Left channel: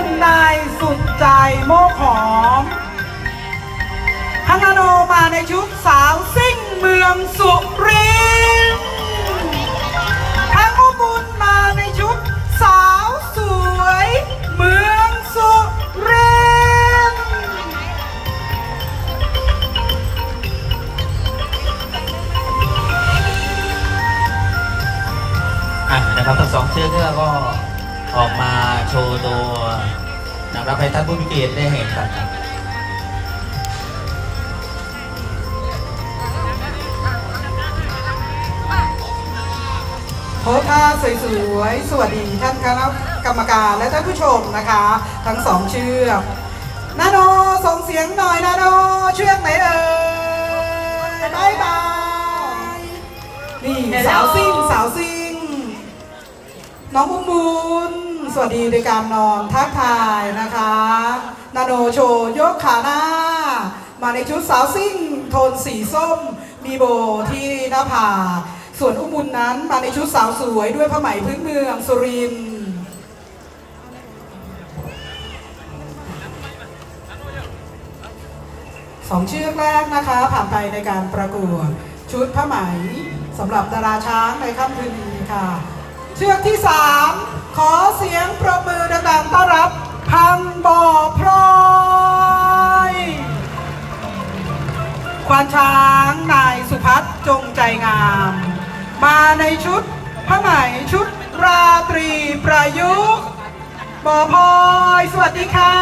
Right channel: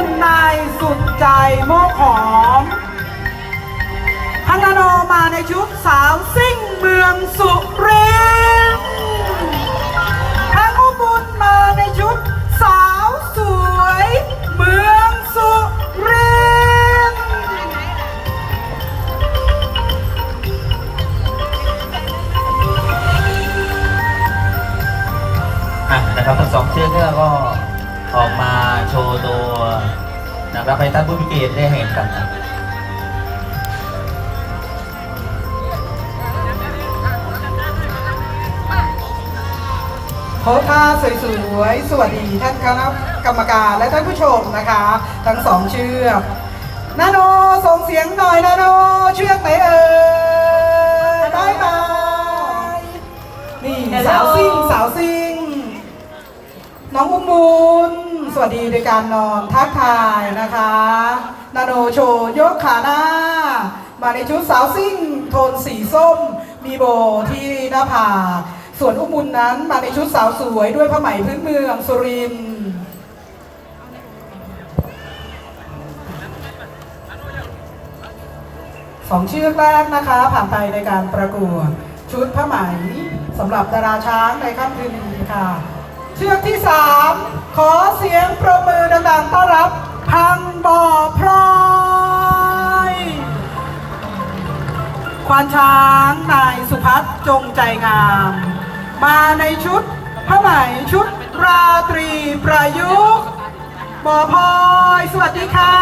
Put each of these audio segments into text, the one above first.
คุณนายสุดใจโมกหอมพังนาโนมาในชุดสาวซิ่งเมืองสุรินทร์พังอุบุญมาในชุดสาวสวย เมืองสุรินทร์อะนะครับทั้งสองเชื่อกก็ ออกมาโชว์ตัวนะครับให้ท่านผู้มีเกียรติได้เห็นกันโพสท่าสวยๆ สวัสดีท่านคณะกรรมการและท่านผู้ชมนะคะ ทั้งสองเชือกนาโนส่งเสียงหน่อยนาโนเชือกไหนเอ่ยบายบายนี่สาวซิ่งสาวซิ่ง น้องมุมมุนสวัสดีในการนอนทักทายนะคะนาโนโชยกขาหน้า มาในชุดสาวซิ่งโทนสีส้ม มีโบที่หน้าผากส่วนอุ้มมุนนั้นมาในชุดสาวสวยด้วยผ้าไหมพื้นเมืองสุรินทร์สองชื่อกแรกนะคะ ผ่านไปในการประกวดชุดผ้าไหมสำหรับดาราช้างในค่ำคืนนี้ค่ะ เชือกที่สามขอเสียงประมือดังๆต้อนรับ พังบ่อพลอยควานช้างนายสุพัฒน์จงใจงาม มาในชุดผ้าไหมชุดราตรีประยุกต์บ่อพลอยสวัสดีค่ะ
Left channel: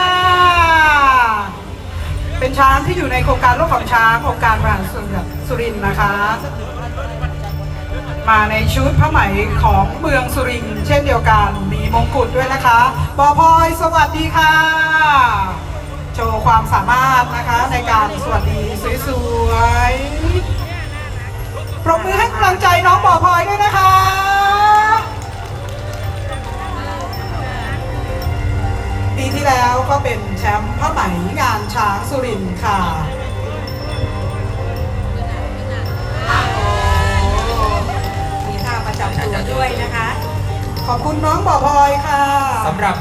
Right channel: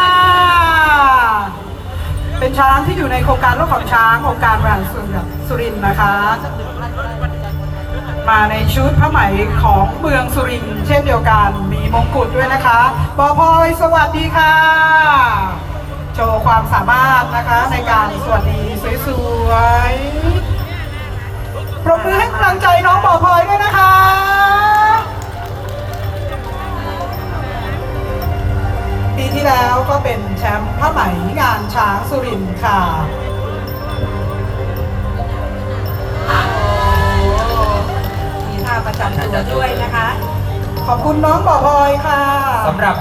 เป็นช้างที่อยู่ในโครงการโลกของช้างโครงการบริหารส่วนสุรินทร์นะคะ มาในชุดผ้าไหมของเมืองสุรินทร์เช่นเดียวกันมีมงกุฎด้วยนะคะบอพลอยสวัสดีค่ะ โชว์ความสามารถนะคะในการสวัสดีสวยๆ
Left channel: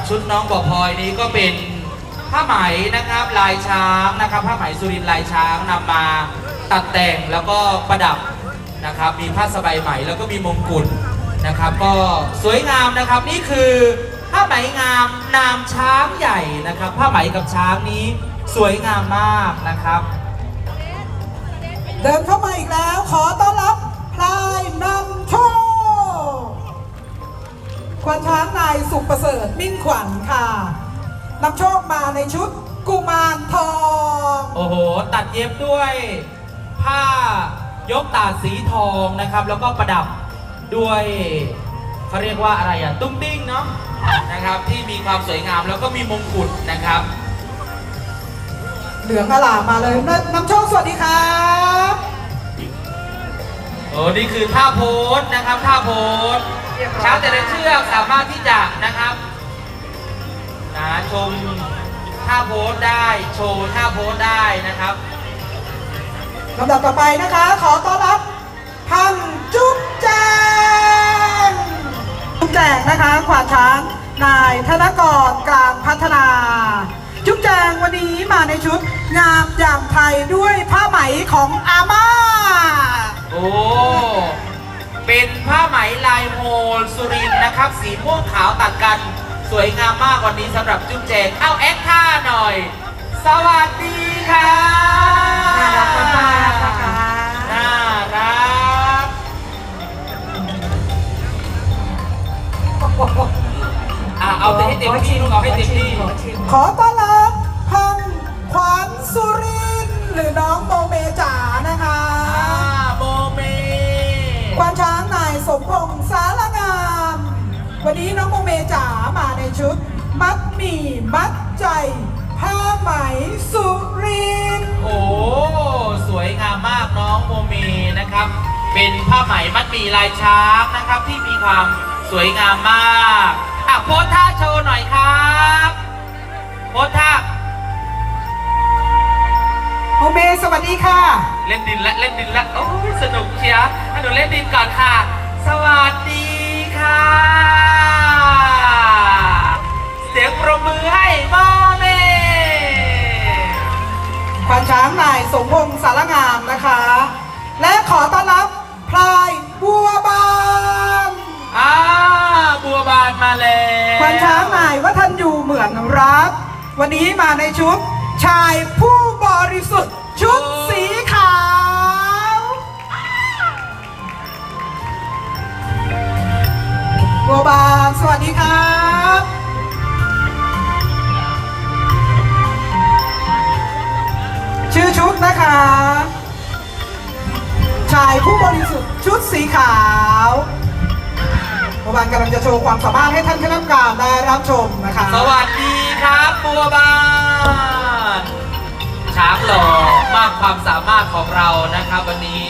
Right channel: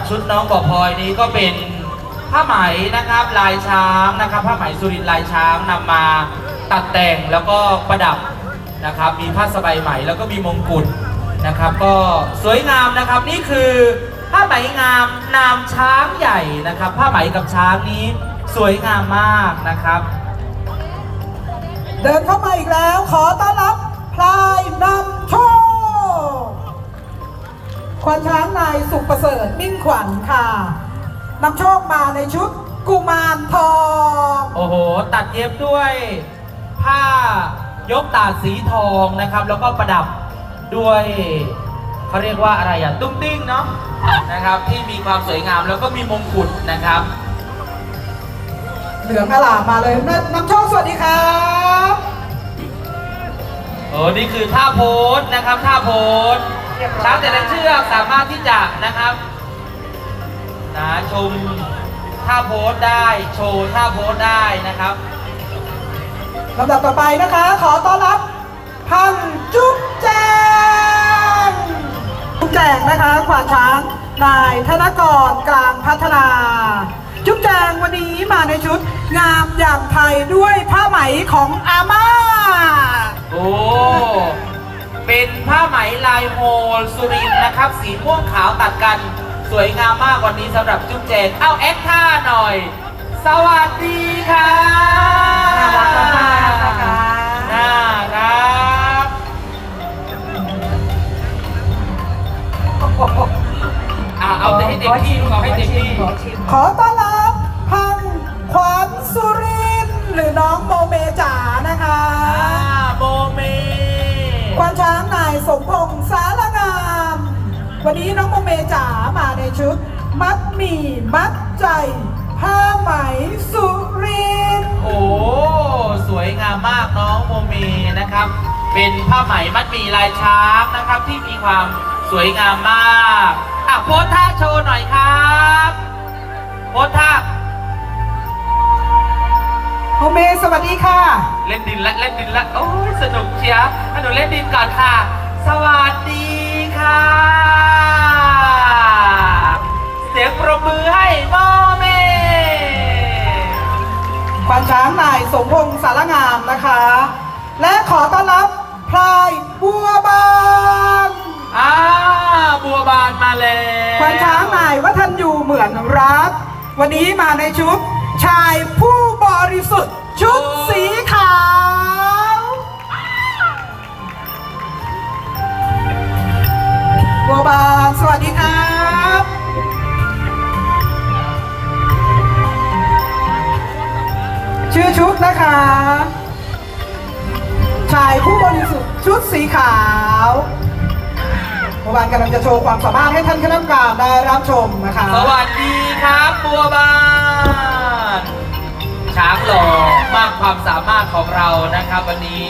ชุดน้องบอกพลอยนี้ก็เป็นผ้าไหมนะครับลายช้างนะครับผ้าไหมสุรินทร์ลายช้างนำมาตัดแต่งแล้วก็ประดับนะครับ มีผ้าสบายไหมแล้วก็มีมงกุฎนะครับ ก็สวยงามนะครับนี่คือผ้าไหมงามนามช้างใหญ่นะครับ ผ้าไหมกับช้างนี้สวยงามมากนะครับ เดินเข้ามาอีกแล้วขอต้อนรับพลายนำโชค ควานช้างนายสุขประเสริฐมิ่งขวัญค่ะนำโชคมาในชุดกุมารทอง โอ้โห ตัดเย็บด้วย ผ้ายกตาดสีทองนะครับ แล้วก็ประดับด้วยเขาเรียกว่าอะไรอะตุ้งติ้งเนาะนะครับ ที่มีความสวยงามแล้วก็มีมงกุฎนะครับ เหลืองอลามมาเลยนนำโชคสวัสดีครับโอ้นี่คือท่าโพสนะครับท่าโพส ช้างแต่ละเชือกสามารถที่จะนะครับนะชมท่าโพสได้โชว์ท่าโพสได้นะครับลำดับต่อไปนะคะ ขอต้อนรับพันจุ๊บแจงจุ๊บแจงนะคะขวานช้างนายธนกรกลางพัฒนา จุ๊บแจงวันนี้มาในชุด งามอย่างไทยด้วยผ้าไหมของอาม่าโอ้ เป็นผ้าไหมลายโฮลสุรินทร์นะครับ สีม่วงขาวตัดกัน สวยงามมากวันนี้สำหรับจุ๊บแจงเอาแอคท่าหน่อย สวัสดีค่ะน่ารักมากๆนะคะน่ารักอะเอาแต่ให้เต็มที่ลูกเอาให้เต็มที่ขอชิมขอต้อนรับพังขวานสุรินทร์หรือน้องโมเมจ๋านะคะอ่าโมเม ควานช้างนายส มพงษ์สารงาม วันนี้น้องโมเมจ๋ามาในชุด มัดหมี่มัดใจ ผ้าไหมสุรินทร์โอ้ สวยงามมากน้องโมเมนะครับ เป็นผ้าไหมมัดหมี่ลายช้างนะครับ ที่มีความสวยงามมากอะโพสท่าโชว์หน่อยครับโพสท่าโมเมสวัสดีค่ะ เล่นดินละเล่นดินละโอ้ยสนุกเชียร์ให้หนูเล่นดินก่อนค่ะ สวัสดีค่ะ เสียงประมือให้พ่อแม่ควานช้างนายสมพงษ์สารงามนะคะ และขอต้อนรับพลายบัวบานอ้าบัวบานมาแล้วควานช้างนายว่าท่านอยู่เหมือนรัก วันนี้มาในชุด ชายผู้บริสุทธิ์ชุดสีขาว บัวบานสวัสดีครับชื่อชุดนะคะ ชายผู้บริสุทธิ์ชุดสีขาวบัวบานกำลังจะโชว์ความสามารถให้ท่านคณะกรรมการได้รับชมนะคะ สวัสดีครับบัวบานช้างหล่อมากความสามารถของเรานะครับวันนี้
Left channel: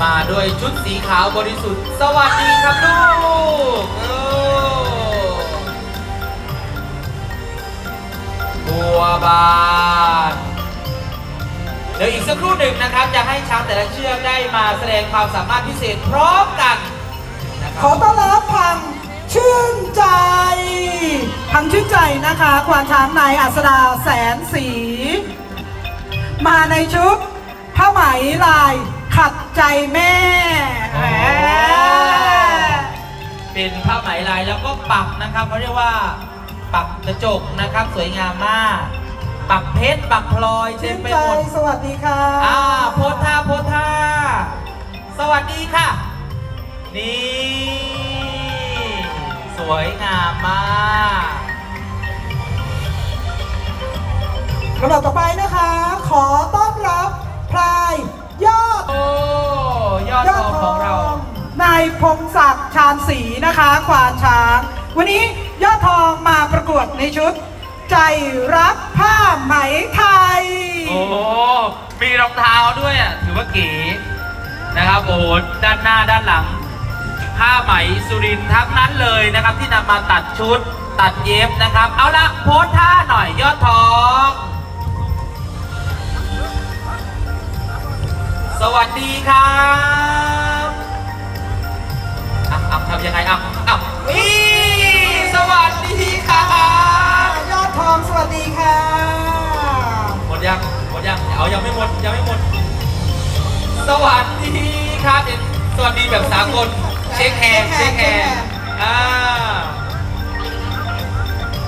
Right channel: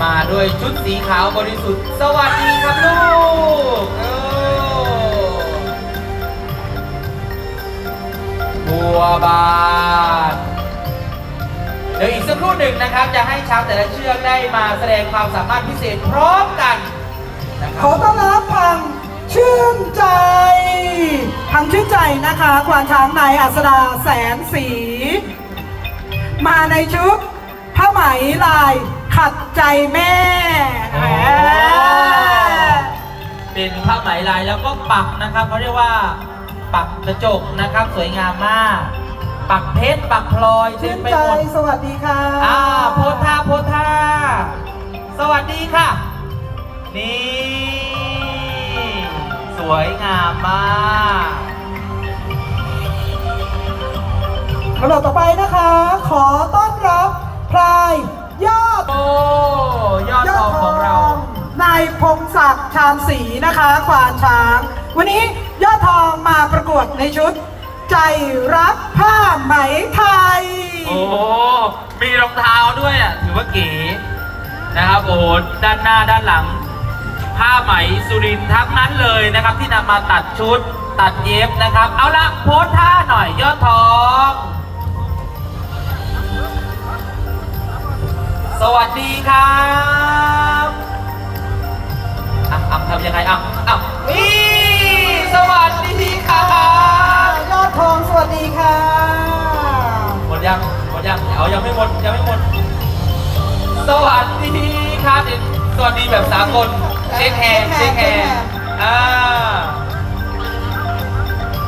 มาด้วยชุดสีขาวบริสุทธิ์ สวัสดีครับลูกบัวบานเดี๋ยวอีกสักครู่หนึ่งนะครับ จะให้ช้างแต่ละเชือกได้มาแสดงความสามารถพิเศษพร้อมกันนะคขอรับต้อนรับพังชื่นใจพังชื่นใจนะคะควานช้างนายอัสดาแสนสี มาในชุดผ้าไหมลาย ขัดใจแม่แหมเป็นผ้าไหมลายแล้วก็ปักนะครับเขาเรียกว่า ปักกระจกนะครับ สวยงามมาก ปักเพชรปักพลอยเต็ชื่มนไปใจหมดสวัสดีค่ะอ่าโพสท่าโพสท่าสวัสดีค่ะ นี่ สวยงามมากลำดับต่อไปนะคะ ขอต้อนรับพลาย พงศักดิ์ชาญศรีนะคะควานช้าง วันนี้ยอดทองมาประกวดในชุด ใจรักผ้าไหมไทย โอ้โหมีรองเท้าด้วยอะถือว่าเก๋นะครับโอ้โหด้านหน้าด้านหลัง ผ้าไหมสุรินทร์ทั้งนั้นเลยนะครับ ที่นำมาตัดชุดตัดเย็บนะครับ เอาละโพสท่าหน่อยยอดทอง สวัสดีครับ ทำยังไงอะอะนี่สวัสดีครับยอดทองสวัสดีค่ะ หมดยังหมดยังเอายังไม่หมดยังไม่หมด สวัสดีครับสวัสดีแบบสากลเช็คแฮนด์เช็คแฮนด์อ่า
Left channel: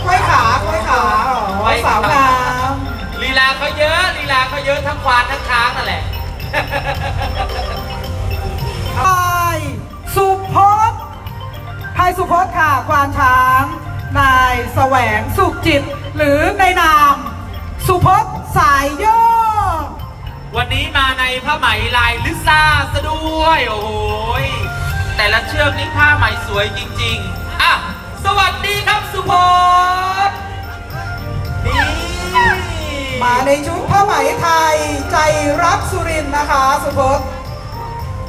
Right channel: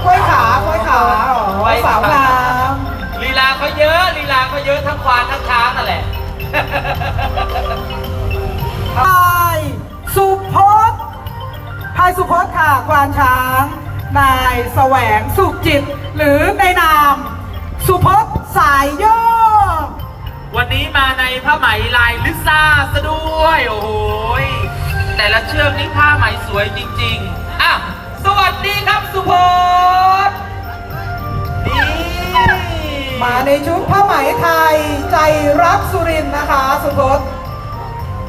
กล้วยขากล้วยขาอ๋อสาวงามลีลาเขาเยอะลีลาเขาเยอะทั้งควานทั้งช้างนั่นแหละพายสุพจน์พายสุพจน์ค่ะควานช้าง นายแสวงสุขจิต หรือในนาม สุพจน์สายโยกวันนี้มาในผ้าไหมลายลิซ่าซะด้วย โอ้โหยแต่ละเชือกนี่ผ้าไหมสวยจริงๆอะสวัสดีครับสุพจน์นี่มาในชุดผ้าไหมไทยใจรักสุรินทร์นะคะ สุพจน์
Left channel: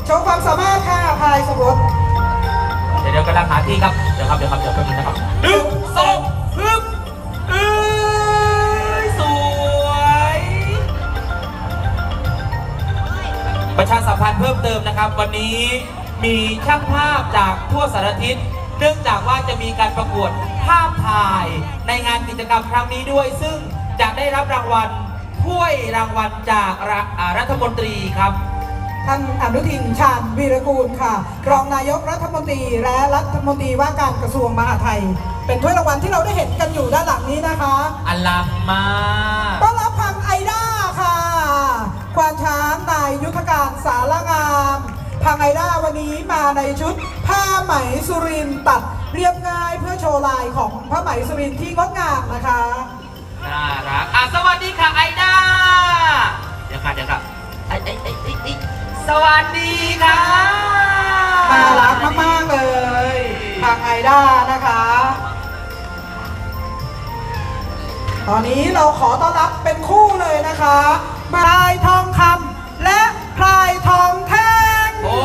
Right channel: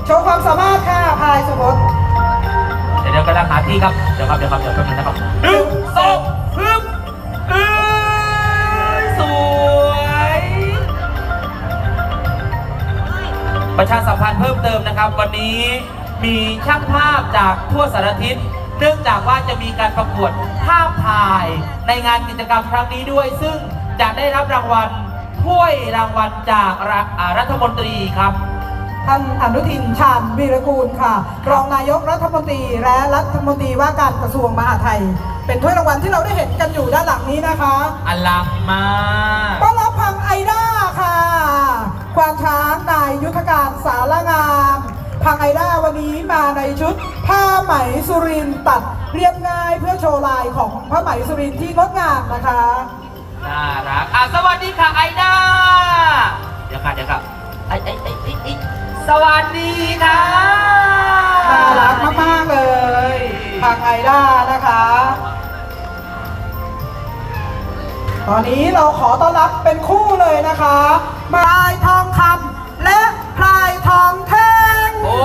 โชว์ความสามารถค่ะพายสุพจน์เดี๋ยวเดี๋ยวกำลังหาที่ครับ เดี๋ยวครับ เดี๋ยวครับ เดี๋ยวแป๊บนึงนะครับหนึ่งสองฮึบเอ้ยสวย ประชาสัมพันธ์เพิ่มเติมนะครับ วันนี้มีช่างภาพจากทั่วสารทิศ เนื่องจากว่าจะมีการประกวดภาพถ่ายในงานกิจกรรมครั้งนี้ด้วย ซึ่งจะได้รับรางวัลถ้วยรางวัลจากรัฐอ่ารัฐมนตรีครับ ท่านอนุทินชาญวีรกูลค่ะ รองนายกรัฐมนตรีและรัฐมนตรีว่าการกระทรวงมหาดไทย เป็นถ้วยรางวัลที่เราได้เห็นกันอยู่ด้านหลังนี้นะคะอลังมากต้อนรับพังไอด้าค่ะ ควานช้างนายยุทธการสารงามพังไอด้าวันนี้มาในชุดผ้าไหมสุรินทร์ตัดเรียบง่ายเพื่อโชว์ลายของผ้าไหมสุรินทร์ที่งดงามนะคะน่ารักอะสวัสดีค่ะไอด้าเดี๋ยวค่ะเดี๋ยวค่ะไอไอไอไอ้ไอ สวัสดีค่ะน่ารักมากๆเลย ทางไอด้านะคะ ตอนนี้เราขอต้อนรับเป็นคู่เลยนะคะพลายทองคำและพลายทองแท่งโอ้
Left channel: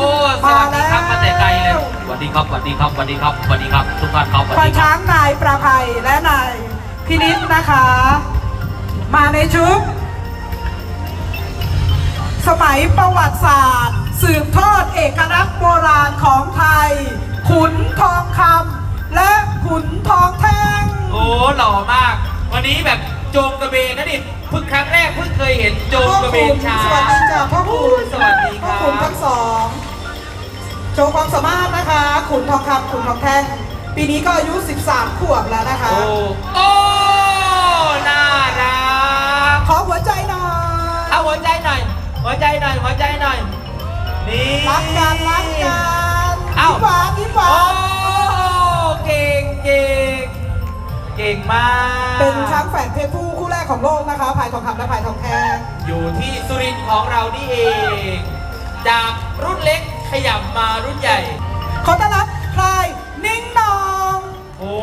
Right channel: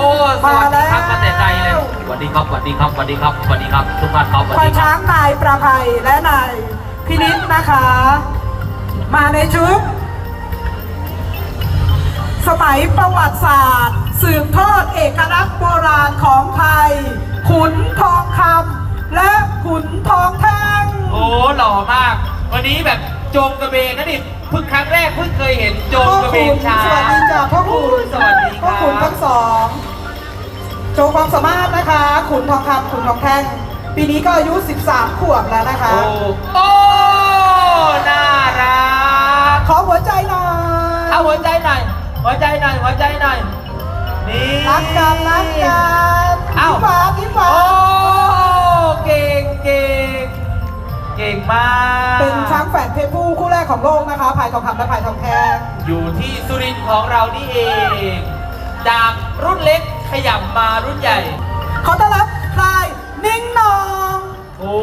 สวัสดีครับมาแต่ไกลเลยสวัสดีครับสวัสดีครับสวัสดีครับสวัสดีครับทุกท่านครับสวัสควาดีนครับช้างนายประภัยและนายพินิษนะคะ มาในชุด สมัยประวัติศาสตร์ สืบทอดเอกลักษณ์โบราณของไทย ขุนทองคำและขุนทองแท่ง โอ้หล่อมาก วันนี้แบบโจงกระเบนนะนี่เพิ่งครั้งแรกเพิ่งเคยเห็นโจงพ่อกระเบขุนนช้างสวัสดีจ้าพ่อขุนสวัสดีคพ่อรับขุนทั้งสองโชว์ความสามารถนะคะ ขุนทองคำขุนทองแท่งปีนี้ก็อายุ 13 ขวบแล้วนะคะ โอ้โอ้น่ารัก ขอหัวใจหน่อย เอาหัวใจหน่อย หัวใจหน่อยหัวใจหน่อย นี่รักกันรักกันเอ้ายิ้มหวานยิ้มหวาโอ้นเก่งเก่งเก่งมาก เป็นช้างแฝดเพศผู้คู่แรกของโลกนะคะพายทองคำและพายทองแท่งอยู่ที่สุรินทร์ของเรานี่เอง จากรุ่นเล็กขยับมารุ่นใหญ่ ขอต้อนรับพายนิ่งหนองโอ้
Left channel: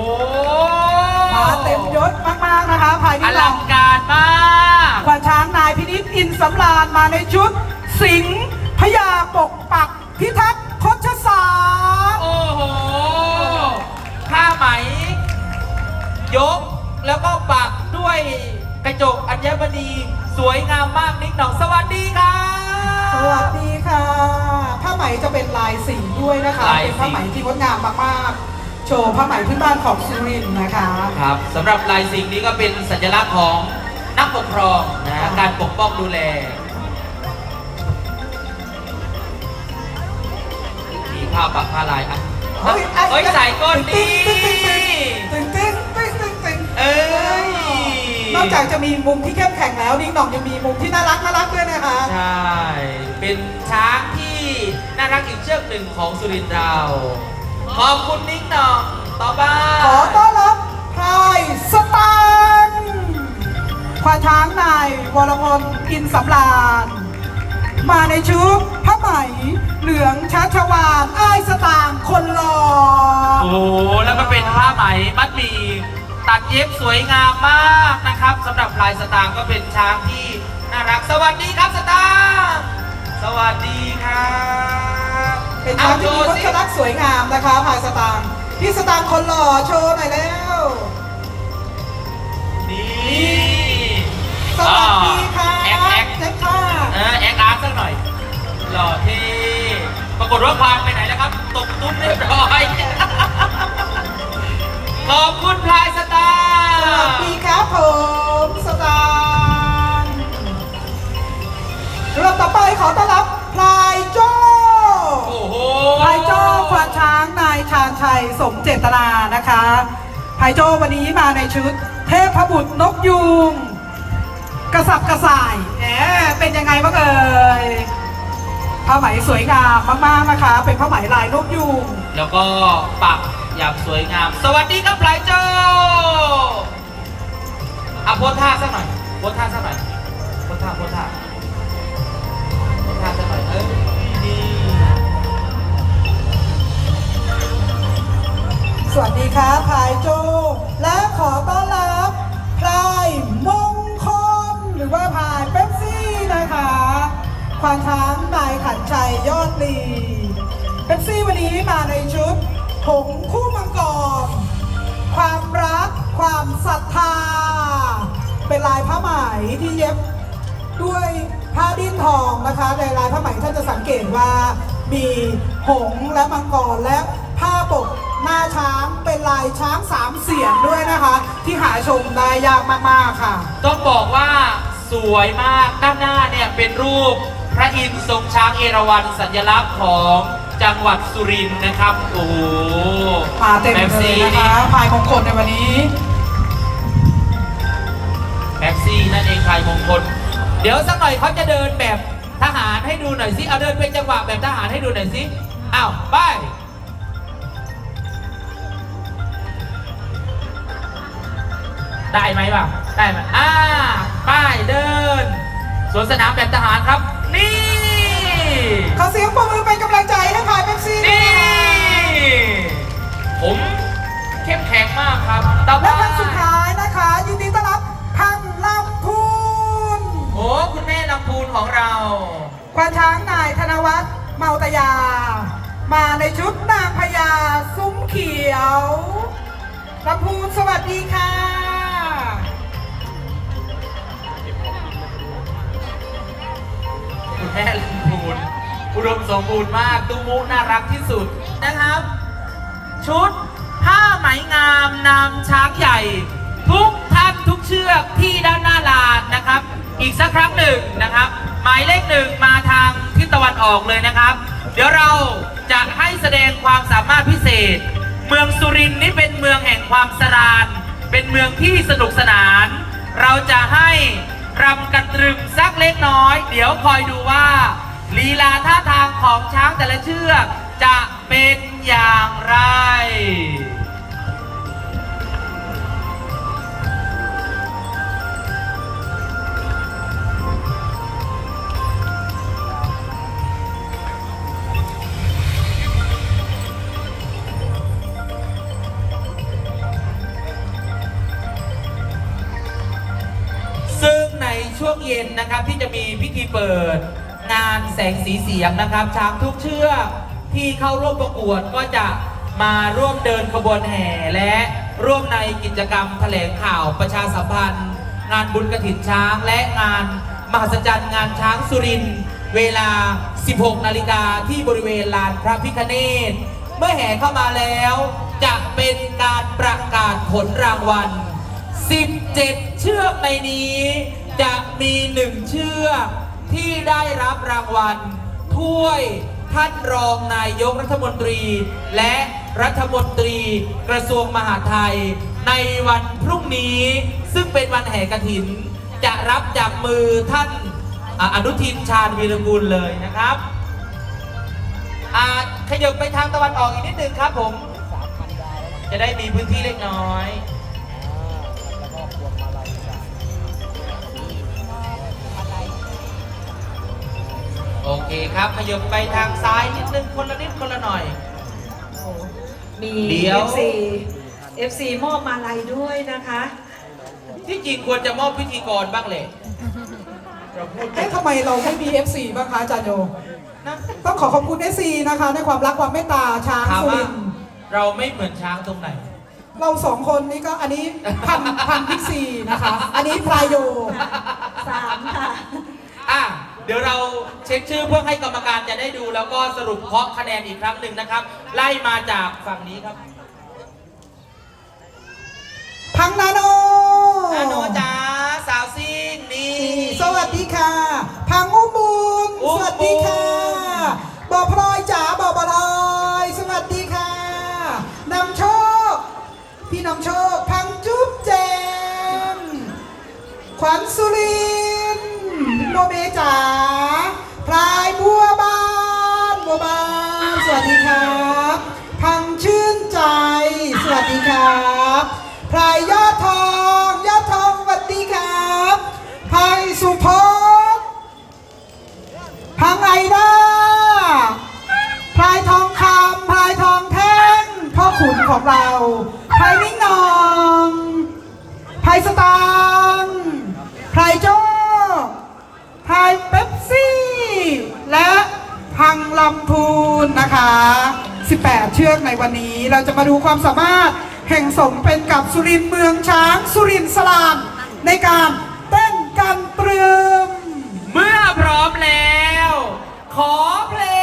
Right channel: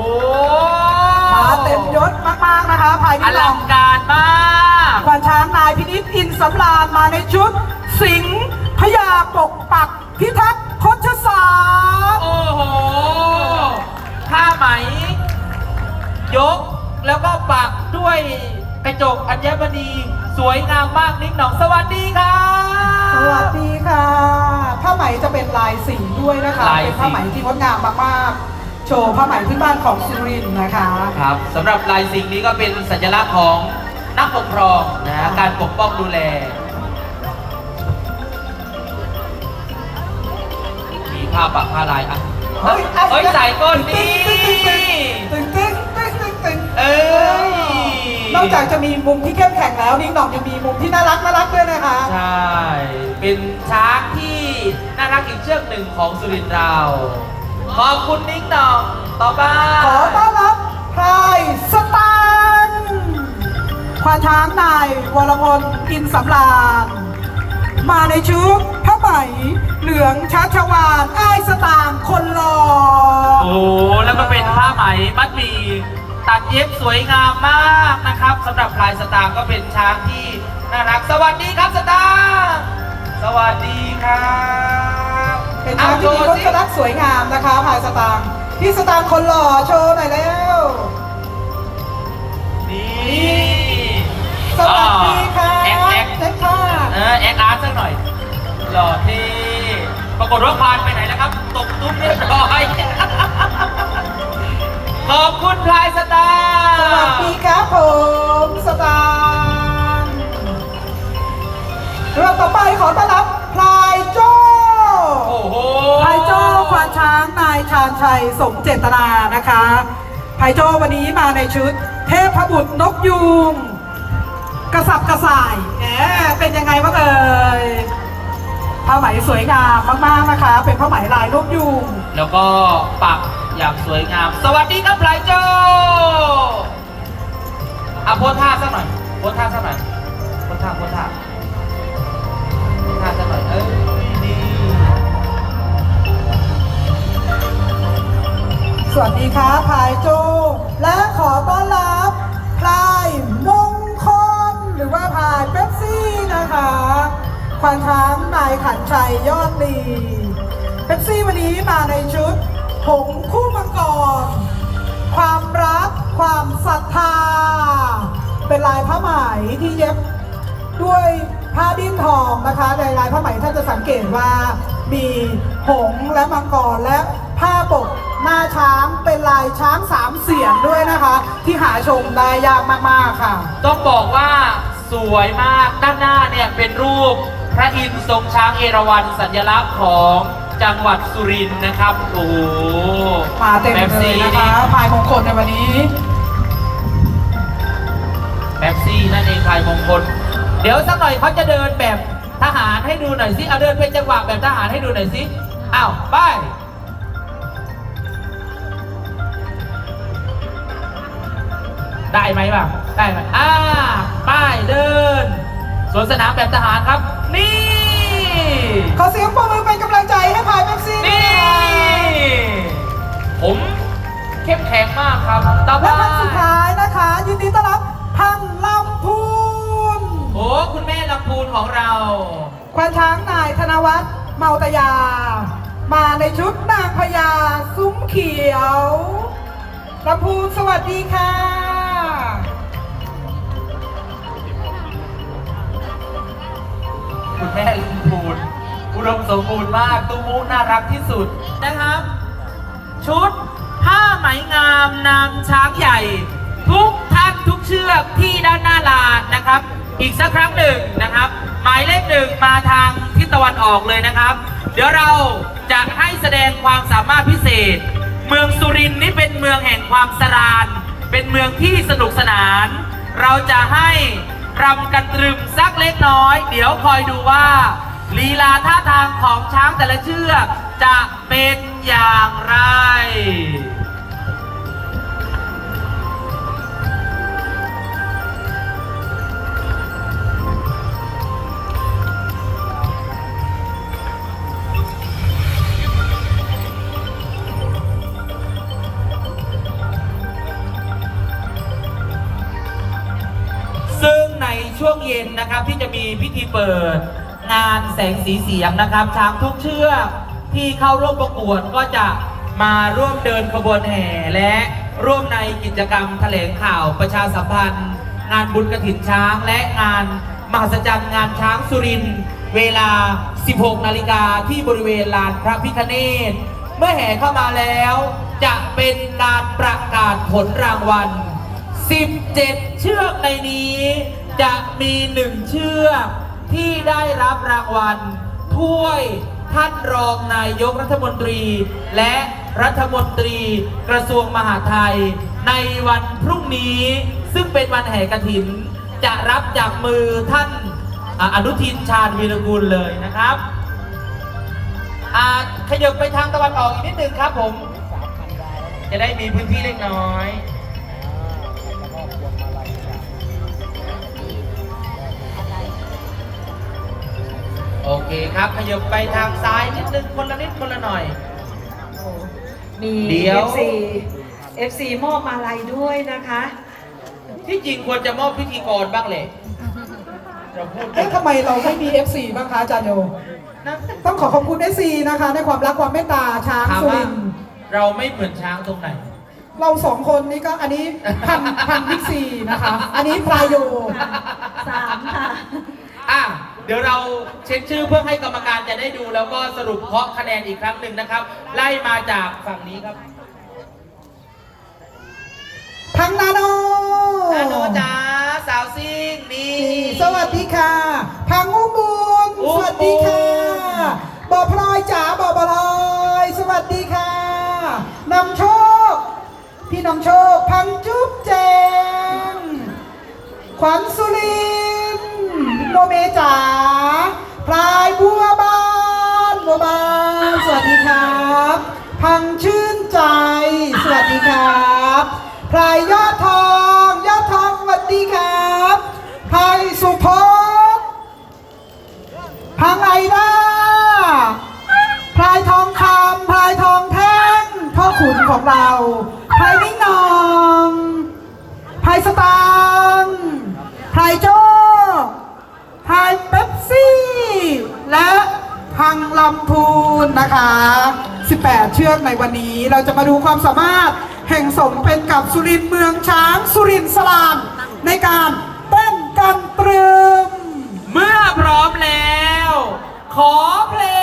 มาเต็มยศมากๆนะคะพายอนิ่งหนลัองงการมาก ควานช้างนายพินิจอินสำราญมาในชุด สิงห์พญาปกปักพิทักษ์คชศาสตร์โอ้โหผ้าไหม ยกแล้วก็ปักด้วยกระจกอัญมณีสวยงามมากนิดหน่องสวัสดีครับสวัสดีค่ะผ้าไหมจะเป็นลายสีด้วยนะคะลายสีเป็นผ้าไหมที่งดงามมากๆ โชว์ผ้าไหมพื้นบ้านของสุรินทร์นะคะ ครับสำหรับลายสิ่งนี้ก็เป็นสัญลักษณ์ของ นักปกครองนะฮะการปกป้องดูแล มีผ้าปักผ้าลายอะเฮ้ยเฮ้ยใส่ก้นนี่ตึงตึงตึงตึงตึงเอ้ยนอกจากจะมีมุมที่เข้มแข็งแล้วนิ่งหน่องยังมีมุมที่น่ารักน่ารักด้วยนะคะ ใช่ เป็นช้างที่น่ารักอีกเชือกหนึ่งของสุรินทร์เรา ขอบคุณนิ้งหน่องต่อไปขอต้อนรับพรายสตังค์ ควานช้างนายวรพลอินสำราญ มาในชุดผ้าไหมเหลืองชัชวานอ้ายสตางค์คนหล่อโอ้แล้วก็เป็นผ้าไหมมัดหมีตัดเย็บสวยงามมากนะครับสำหรับลายสตางค์ก็เป็นช้างที่น่ารักสวัสดีครับสตางค์สวัสดีครับเป็นช้างที่มีเอารโชถว์สิกระลักสวยงามนะคะพายสตางค์พี่สตางค์คนหล่อโชว์หน่อยแล้วนี่ สวัสดีค่ะแอคแอคเซ็ตค่ะเออแอคอาร์ตสักหน่อย หล่อเท่ปรากฏว่าควานไปไหนแล้วครับ ตกตุ้มเรียบร้อยขอบคุณพลายสตาร์สวัสดีครับผมสตางค์เราต่อไปขอต้อนรับพลายโจ้โอ้โหพลายโจ้ควานช้างนายชาญชัยสมเจตนานะคะพลายโจ้วันนี้มาในชุดเทพบุตรนกยูง กระสับกระส่ายแหมเป็นยังไงบ้างเอ่ยผ้าไหมสวยงามมากๆนะคะ เป็นผ้าไหมลายนกยูงแล้วก็ปักอย่างสวยงาม สวัสดีครับพลายโจ้อะโพสท่าสักหน่อยโพสท่าสักหน่อยโพสท่าโพสท่าโพสท่าสักหน่อยเออดีสวัสดีครับพลายโจและขอต้อนรับพลายมงคล หรือว่าพายเป๊ปซี่นะคะควานช้างนายขันชัยยอดดีเป๊ปซี่วันนี้มาในชุดหงคู่มังกร ความรัก ความศรัทธา เป็นลายผ้าไหมที่เย็บด้วยผ้าดิ้นทองนะคะในลายผ้าไหมท่านจะสังเกตว่ามีหงและมังกรและผ้าปกหน้าช้างเป็นลายช้างสามเสียนด้วยนะคะ ที่หาชมได้ยากมาก ๆ ค่ะ ต้องบอกว่า สวยมากด้านหน้าเนี่ยเป็นรูปพระอินทร์ทรงช้างเอราวัณสัญลักษณ์ของจังหวัดสุรินทร์นะครับ โอ้โหมาเต็มแป๊บเลซี่ยนะนี่คะพายมงคลในวันนี้แป๊บซี่นั่นเองพายมงคล เดี๋ยวสักหน่อยเขาจะเดินแบบทหารให้ดูหน่อยสิเอาเดินเป็นจังหวะแบบทหารให้ดูหน่อยสิอ้าวไปได้ไหมบ้างได้ไหมอ่าป้าย เดินสวนสนามแบบทหารครับ นี่ ขอเสียงปรบมือเป็นกำลังใจให้พายเป๊ปซี่ด้วยนี่นะคะผมเข้มแข็งมากครับต่อไปและท่านสุดท้ายนะคะ ยินดีต้อนรับพังลำพูนโอ้คุณแม่ลำพูนของเรา ควานช้างนายธนวัฒน์เมาตยา มาในชุดนางพญาซุ้มเขียวลำพูนสวัสดีค่ะ แม่ลำพูนอุดมสมบูรณ์มากตุ้มมุกน่ารักที่สุดนะครับ ชุดผ้าไหมงามนำช้างใหญ่ ทุกท่านทุกเชือกที่ด้านหน้าลานนะคนะครับ อีกสักครั้งหนึ่งนะครับ หมายเลขหนึ่งมาทางทิศตะวันออกเลยนะครับ เดี๋ยวเราจะให้แสดงความสามารถพิเศษ เมืองสุรินทร์นี่เป็นเมืองแห่งความสรานเป็นเมืองที่สนุกสนาน เราจะให้ รำกันตรึมสักเล็กน้อย เดี๋ยวคอยดูว่าลีลาท่าทางของช้างแต่ละเชือกจะเป็นอย่างไร ช่วงเย็นนะครับที่จะมีพิธีเปิดงานแสงสีเสียงนะครับช้างทุกเชือกที่เข้าร่วมประกวดก็จะมาร่วมเดินขบวนแห่และร่วมในกิจกรรมแถลงข่าวประชาสัมพันธ์ งานบุญกระถินช้างและงานมหัศจรรย์งานช้างสุรินเวลา 16 นาฬิกาที่บริเวณลานพระพิคเนศเมื่อแห่เข้ามาแล้ว จะเป็นการประกาศผลรางวัล 17 เชือกในนี้ จะมีหนึ่งเชือกที่ได้รับรางวัลถ้วยท่านรองนายกรัฐมนตรี และรัฐมนตรีกระทรวงมหาดไทย ในวันพรุ่งนี้ ซึ่งเป็นวันแห่กระถิน จะรับจากมือท่านอนุทินชาญวีรกุลเลยนะครับอ่าขยับไปทางตะวันออกอีกนิดนึงครับผม จะได้มีพื้นที่เล็กน้อย โอเคครับขยับไปทางซ้ายนิดนึงคนละนิดคนละหน่อยมี เดี๋ยว FC FC มอบมาลัยด้วยนะคะ ที่จริงควรจะมอบพิธีกรบ้างเลยเราพูดเอ๊ะทำไมเราไม่มี FC บ้างคะอาจารย์โยนะต้องขอขอบคุณ FC นะคะ ในความรักความเมตตาช้างถามสุว่ารินทร์เราไม่เหมือนช้างตรงไหน เราสองคนนี่ก็อันนี้พันพันพิกซีนะคะ อันนี้พลายโย สามค่ะ อะ เดี๋ยวเราเช็คชื่อเพื่อให้กรรมการจะได้ดู แล้วก็สรุปเคาะคะแนนอีกครั้งหนึ่งนะครับ ไล่มาจากฝั่งนี้ครับพังนาโนนาโนจ้าสาวซิ่งนี่ สวัสดีค่ะ พังอุบุญอุสบุญ วัสดีค่ะบอพลอยจ๋าบอบอพลอยสวัสดีค่ะนำโชค พี่นำโชค พังจุ๊บเจมขวัญสุรินทร์ โมเมจ๋าพลายบัวบานบัวบานสวัสดีครับพังชื่นใจ สวัสดีครับพลายยอดทองยอดทองสวัสดีครับพลายสุพจน์พังไอด้าพลายทองคำพลายทองแท่งพ่อขุนของเราพลายนิ่งนองพลายสตางพลายโจ้ พลายเป๊ปซี่ และพังลำพูนนะคะ 18 เชือกในวันนี้เราจะมาดูความสามารถแห่งสมเป็นกับสุรินทร์เมืองช้าง สุรินทร์สลานในการเต้นกันตรึม เมื่อพร้อมแล้ว ขอเพลง